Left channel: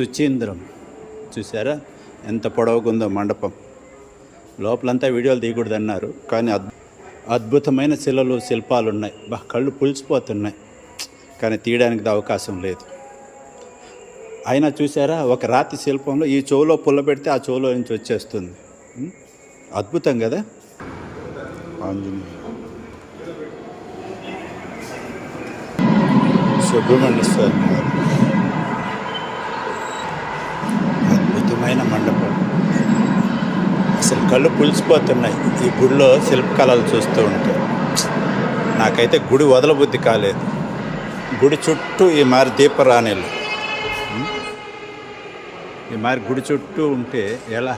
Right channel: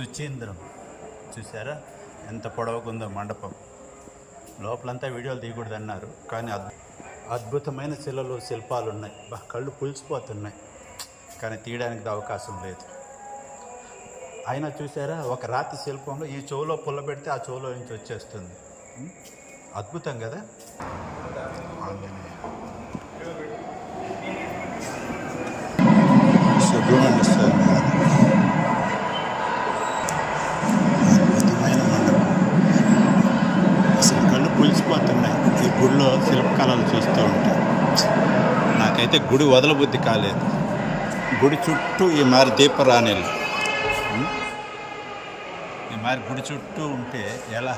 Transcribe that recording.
సుచీంద్రం చూసారా ఎంత పొడవుకుందో మండపం. లోపలంతా వీడియోలు తీయకూడదన్నారు, కానీ అద్భుతమైన శిలలు శిల్పాలు ఉన్నాయి. కళ్ళు పులిసిపోతున్నాయి, కానీ తీయడానికి అవకాశం లేదు. అయినా చూసారా, ఒక రాతి శిల్పంలో ఈ చెవులో పుల్ల పెడితే ఆ చెవులో నుంచి వచ్చేస్తుంది. అద్భుతం కదా. సుబ్రహ్మణ్య స్వామి అద్భుతమైన మండపం. అసలు కళ్ళు పులిసిపోతున్నాయి ఈ గుడిలో శిల్పకళలు చూస్తూ ఉంటే. నాకైతే గుడి వదలబుద్ధి కాలేదు. గుడి చుట్టూ ఈ మారి దీపరాణిలు, ఈ మారి గుడి చుట్టూ ఉంటే ఎలా